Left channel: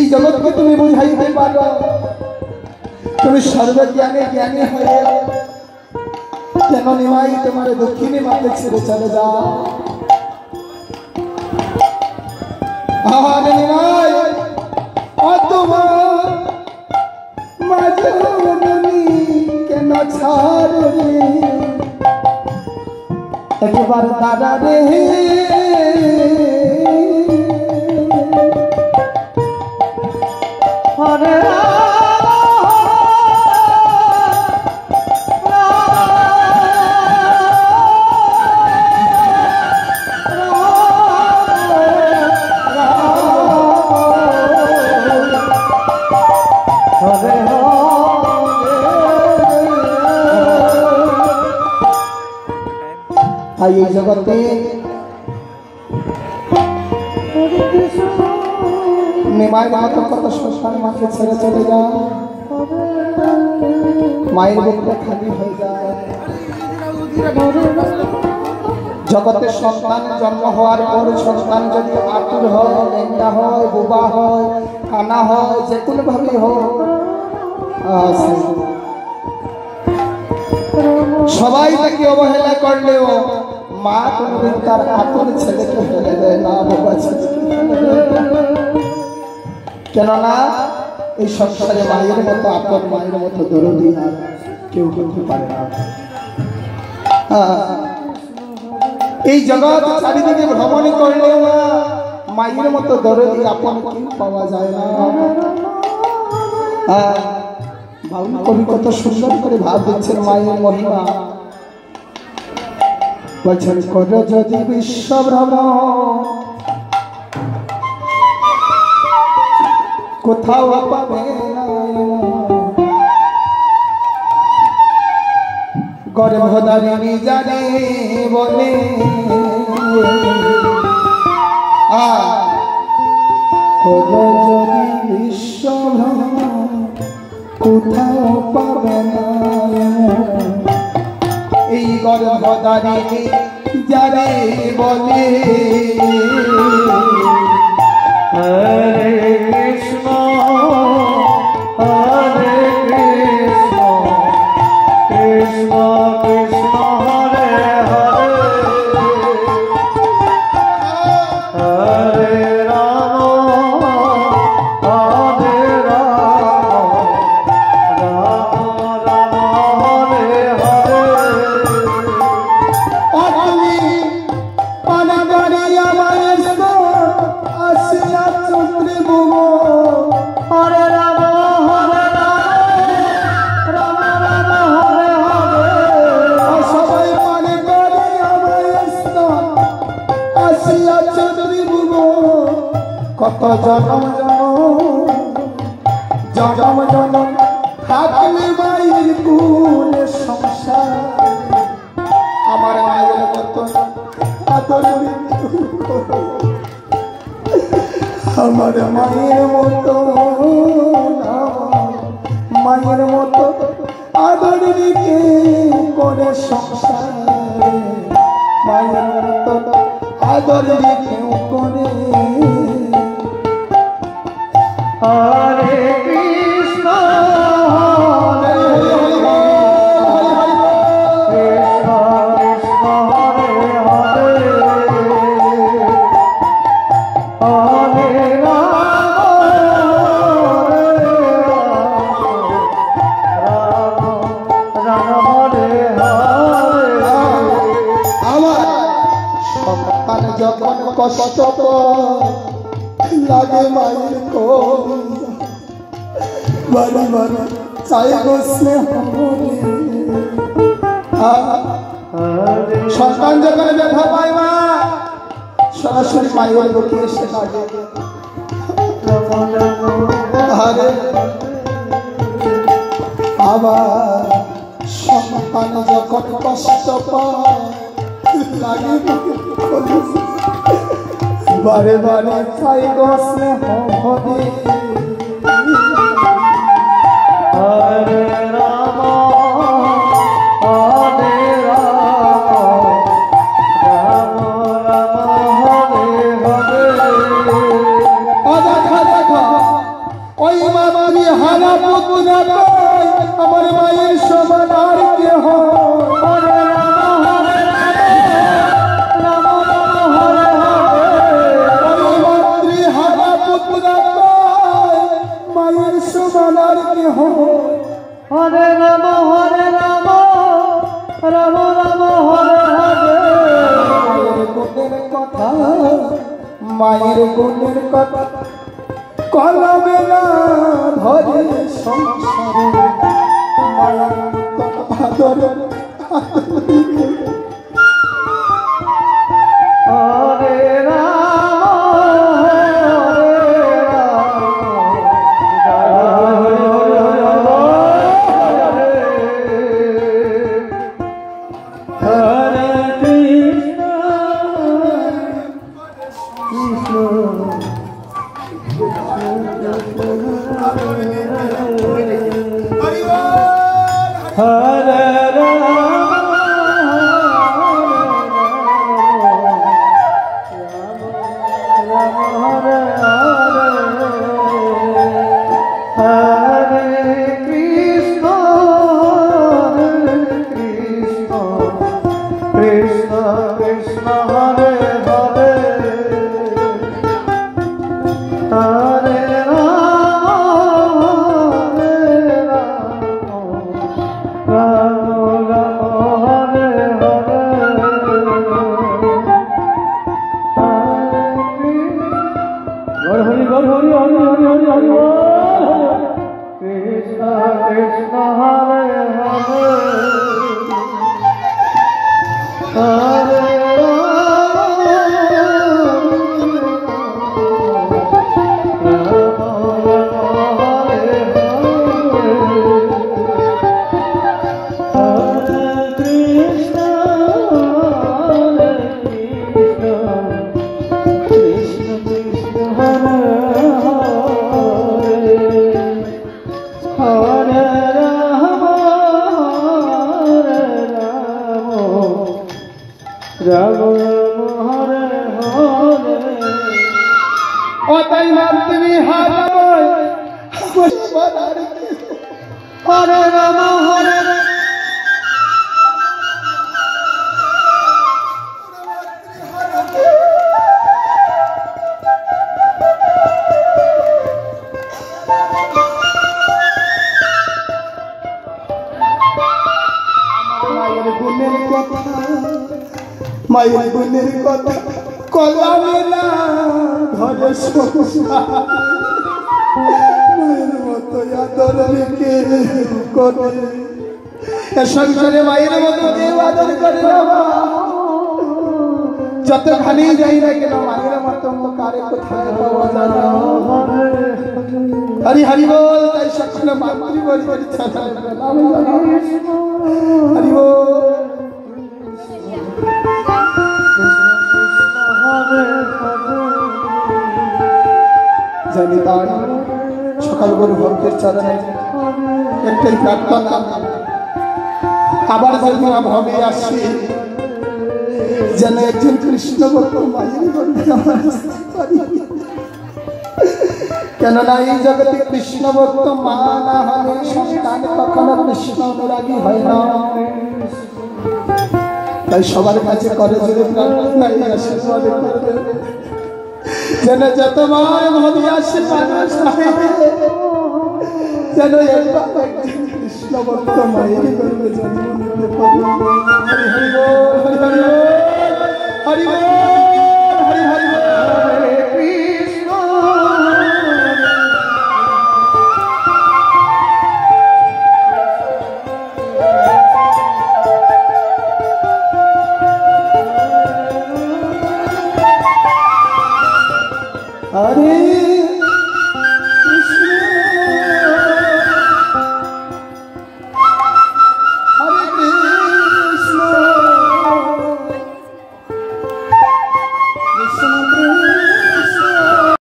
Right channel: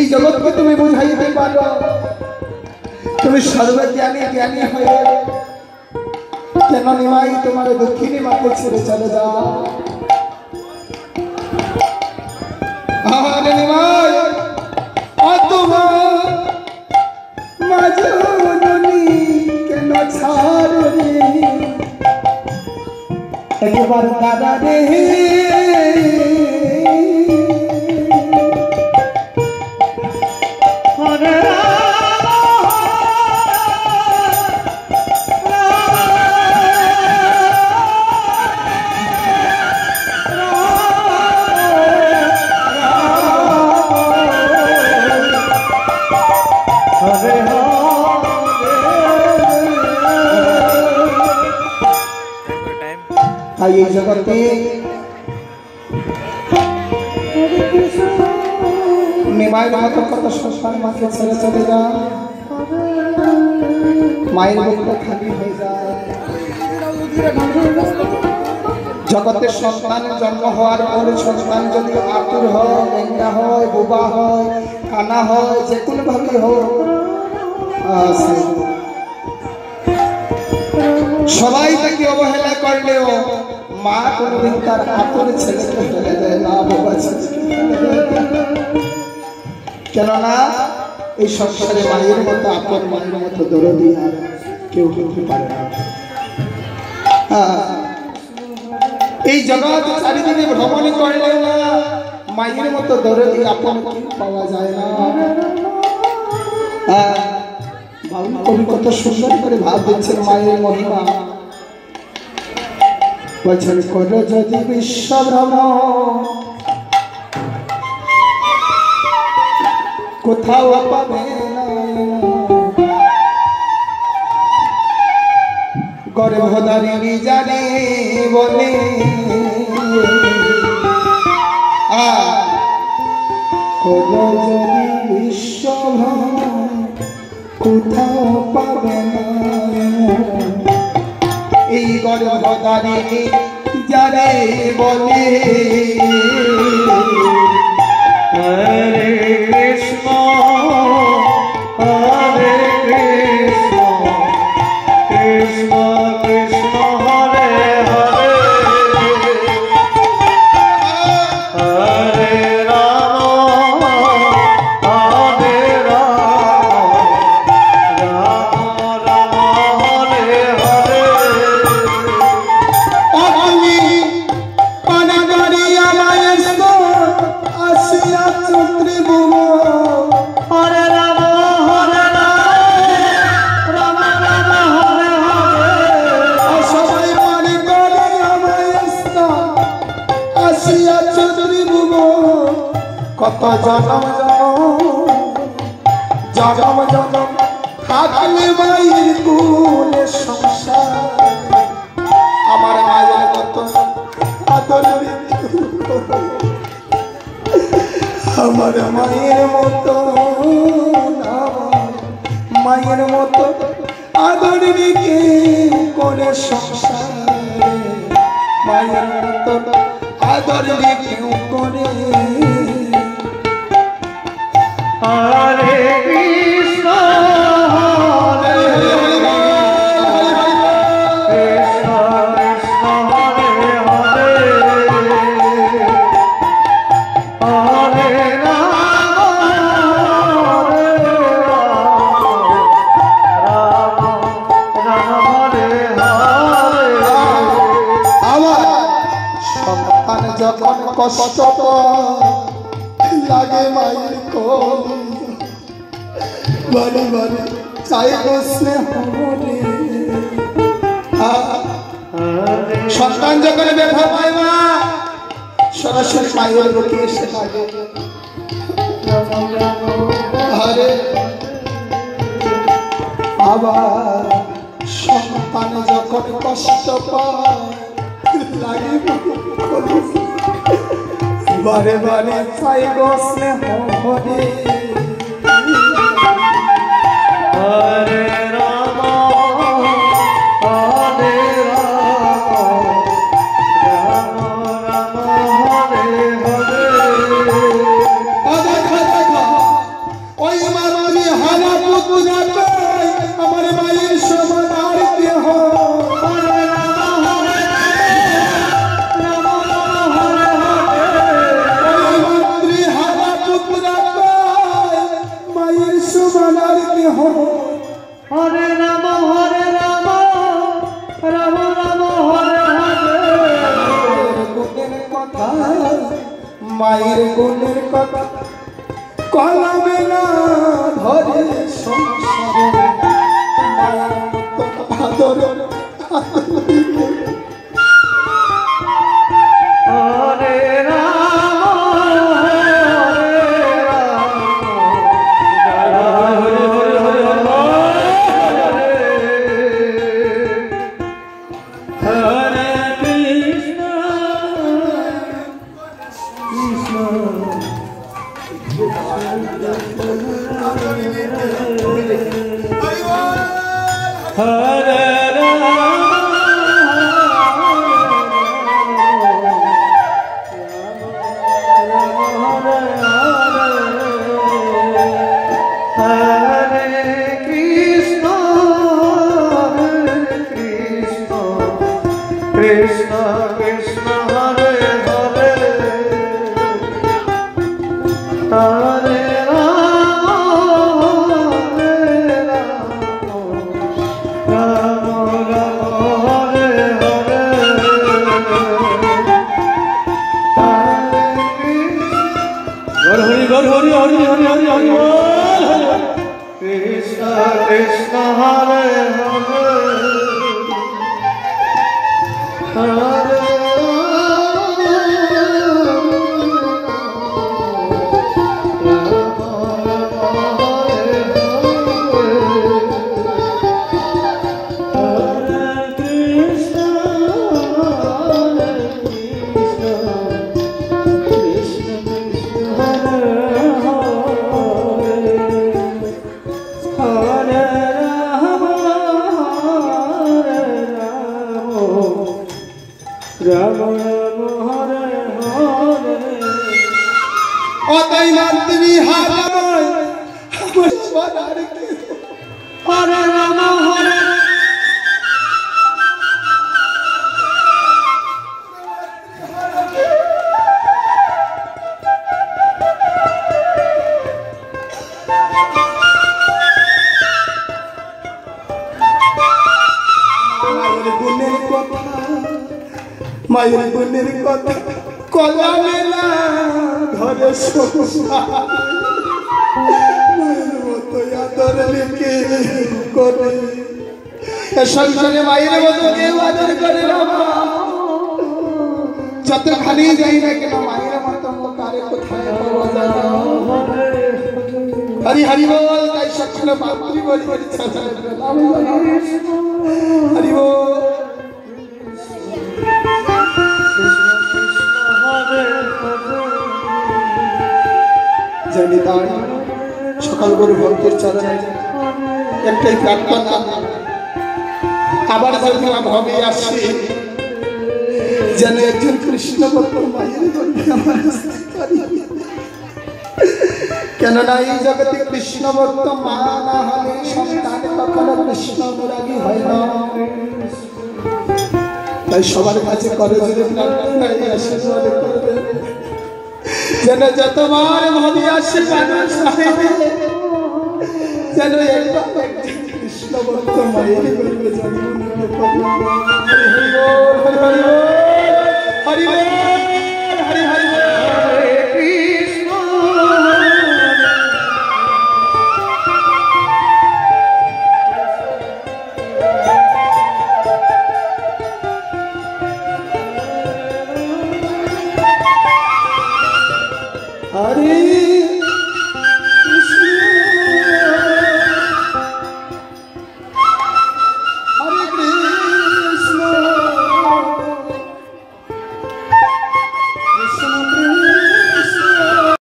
এই জগৎকে তুমি বুঝাইতে পারো, তুমি সর্বজ্ঞানী জ্ঞানী হয়ে কেন নিমাই তোমার দক্ষিণী মাকে ছেড়ে চলে যাও? আরে নিমাই তোমার মাজনী কেন ছাড়ো রে, একবার দাদা রে এই জগতে নিমাইয়ের মতো কত সন্তান মাকে ছেড়ে চলে যায়, মায়ের বুকটা খালি হয়ে যায়। জগতে সন্তান জন্ম হওয়ার পর সন্তান যদি আতুর হয়, লেঙ্গা হয়, বোবা হয়, কানা হয়, যে কোনো ভাবে হোক, সবাই তাকে অবহেলা করলেও মা কোনদিন তার আপন ছেলেকে ফেলে দেয় না, বাবা ছেলেকে ফেলে দেয়। কেননা এই সংসারে মায়ের মতো আপন, মায়ের মতো দরদি আর কেউ হতে পারে না। এই জগৎ চারিদিকে ভ্রমণ করলেও না মায়ের মতো দরদি আপন পাওয়া যায় না। কবি কত সুন্দর করে ভাব দিচ্ছেন মায়ের মহিমা। বলছেন কর যদি বিশ্ব ভ্রমণ কোথাও পাবে না, গর্ভধারিণী জানে বলে কর যদি বিশ্ব ভ্রমণ কোথাও পাবে না, এই গর্ভধারিণী যারে বলে। হরে কৃষ্ণ হরে কৃষ্ণ কৃষ্ণ কৃষ্ণ হরে হরে, হরে রাম হরে রাম রাম রাম হরে হরে। কত জনম জনম জনম থাকলে মায়ের কুলে সংসার, আমার মায়ের মতো আদর, আমার মায়ের মতো মায়ের মতো আদর রেখে করে সংসার, মায়ের মতো আদর রেখে করে। হরে কৃষ্ণ হরে কৃষ্ণ কৃষ্ণ হরে হরে, হরে রাম হরে রাম রাম হরে হরে। আমার সন্তান যখন কষ্ট লাগে মায়ের কোল, বাড়ি বাড়ি চাই বসলে হবে। সন্তান যখন ব্যথা পায় মা সরাসরি মায়ের বুকে এসে লাগে। আবার সন্তান যখন কষ্ট পায় লাগে বারে বারে চাই বসলে হবে। হরে রাম হরে রাম রাম রাম হরে হরে। হারা পুত্র আমার মায়ের সমান আর কেহ হারা পুত্র মায়ের সমান আর কেহ হরে রাম রাম রাম হরে হরে গুণের কথা মায়ের গুণের কথা কলমে না ধরে সংসারে মায়ের আদর হরে মায়ের গুণের কথা কলমে না ধরে সংসার মায়ের মতো আদর রেখে করে সংসারে মায়ের মতো কেউ আদর করে না যতখানি যাই না কেন মায়ের মতো কারে কোথায় পাওয়া যায় না হরি হরি বল তাই সকালে মাতৃ বলি হরি বল জানি তাই সকাল করে ভরপুর চাচা একটাই প্রার্থনা আবার যদি ভাবে আসি যেন একজন কৃষ্ণ ভক্ত মায়ের কেননা এই জগতে কৃষ্ণ ভক্ত মা না হলে সন্তান কখনো কৃষ্ণ অনুরাগী হয় না তাই সবার কাছে করে আশীর্বাদ করবে যেন যতবার ভাবি আসে মানুষ যেন কৃষ্ণ ভক্ত মায়ের করবে হরি হরি হরি হরি